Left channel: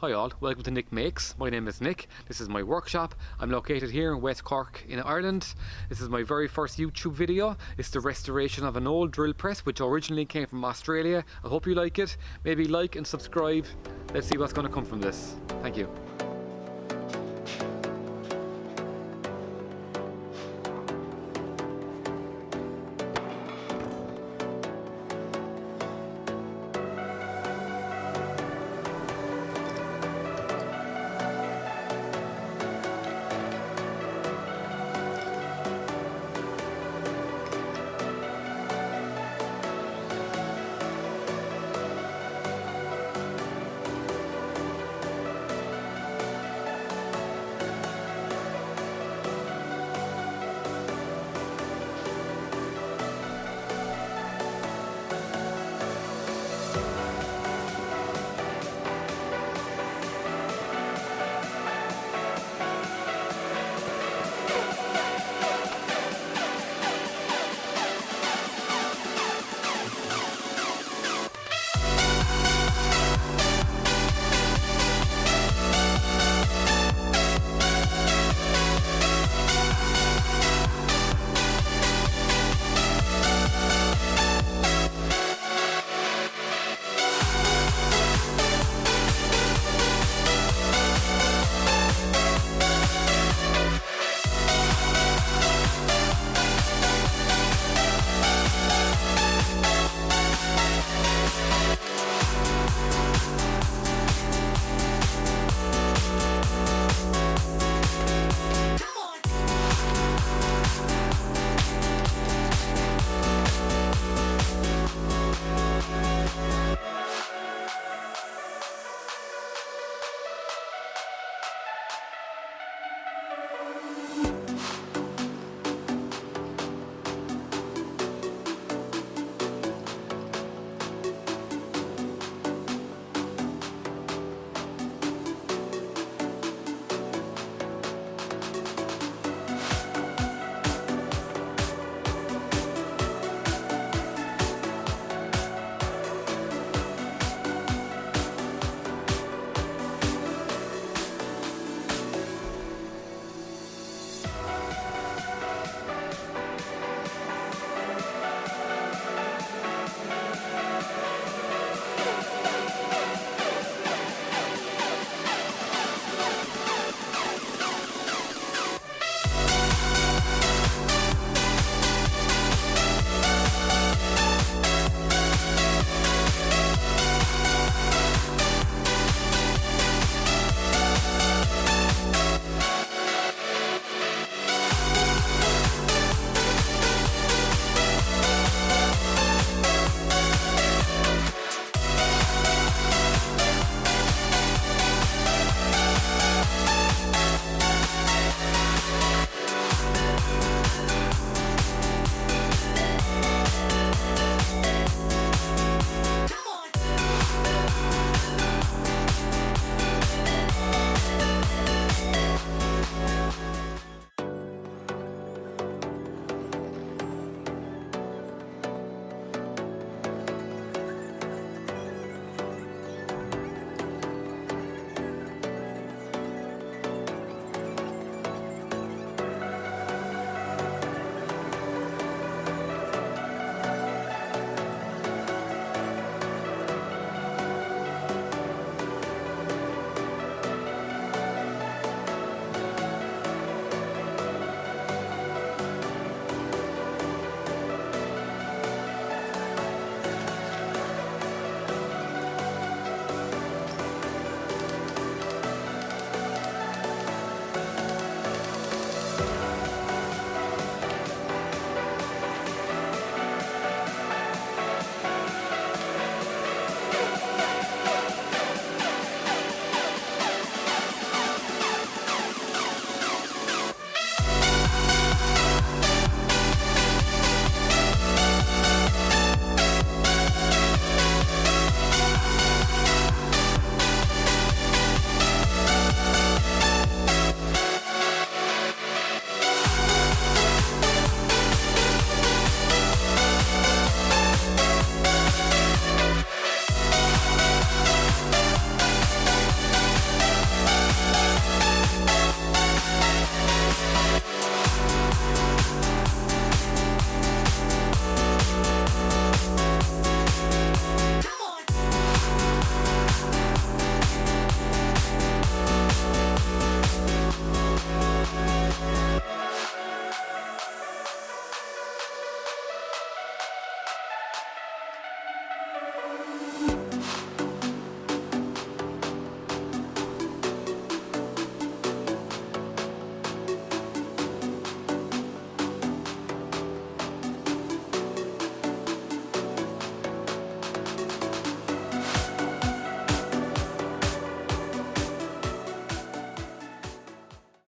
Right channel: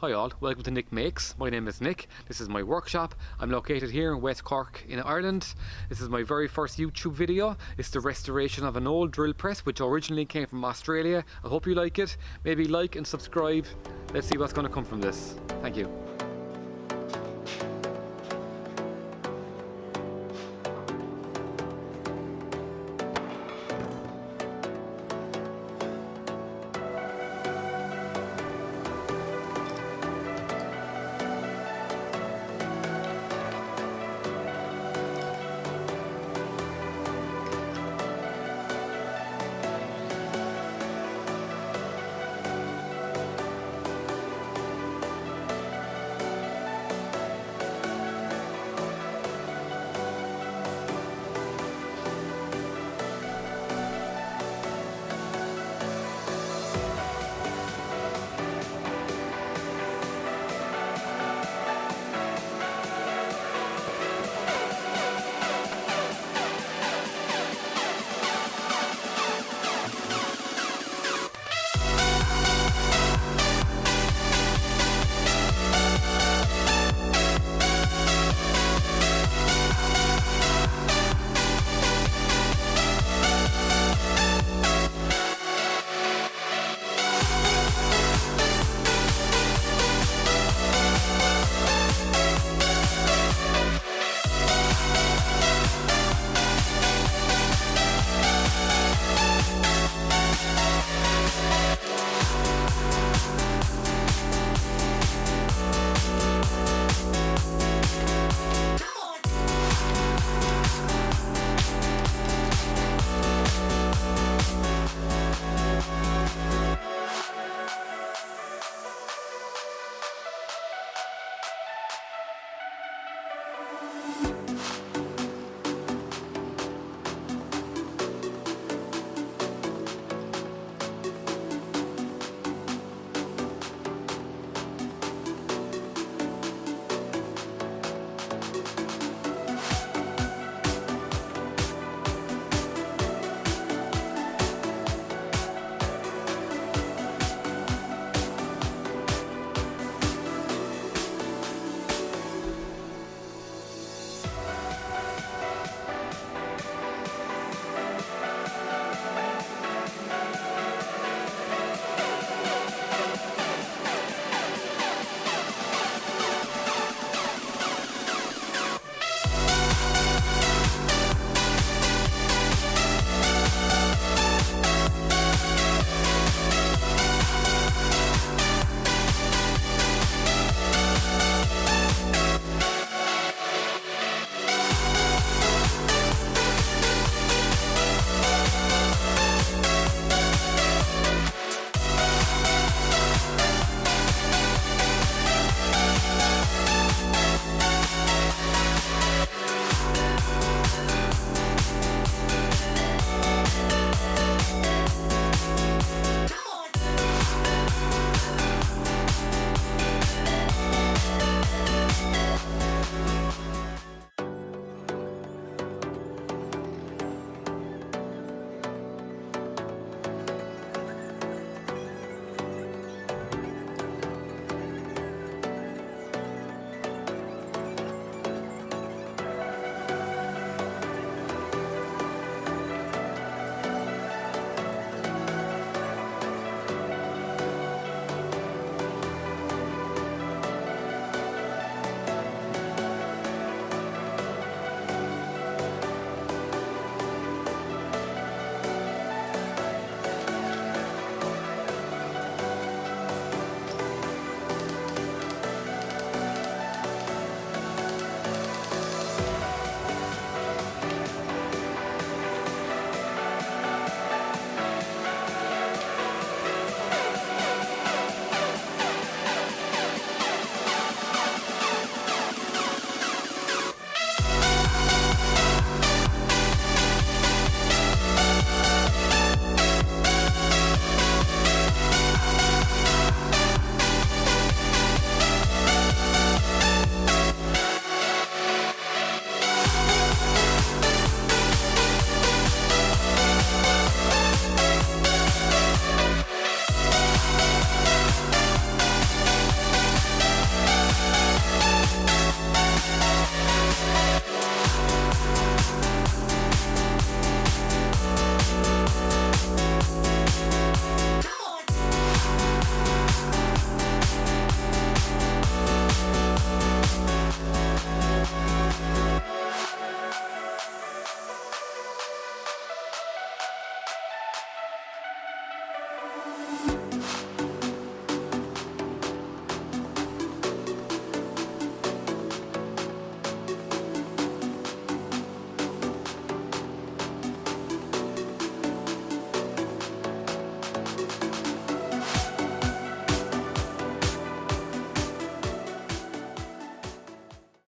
Hi all, welcome to Nick Makes. My name is Nick. This is my workshop. I'm located here in West Cork in Ireland. This is my very first YouTube video. It's the restoration of an old drill press which originally came from Australia. I hope you like it. Maybe like and subscribe. Let's see what's going to come from this. Thank you.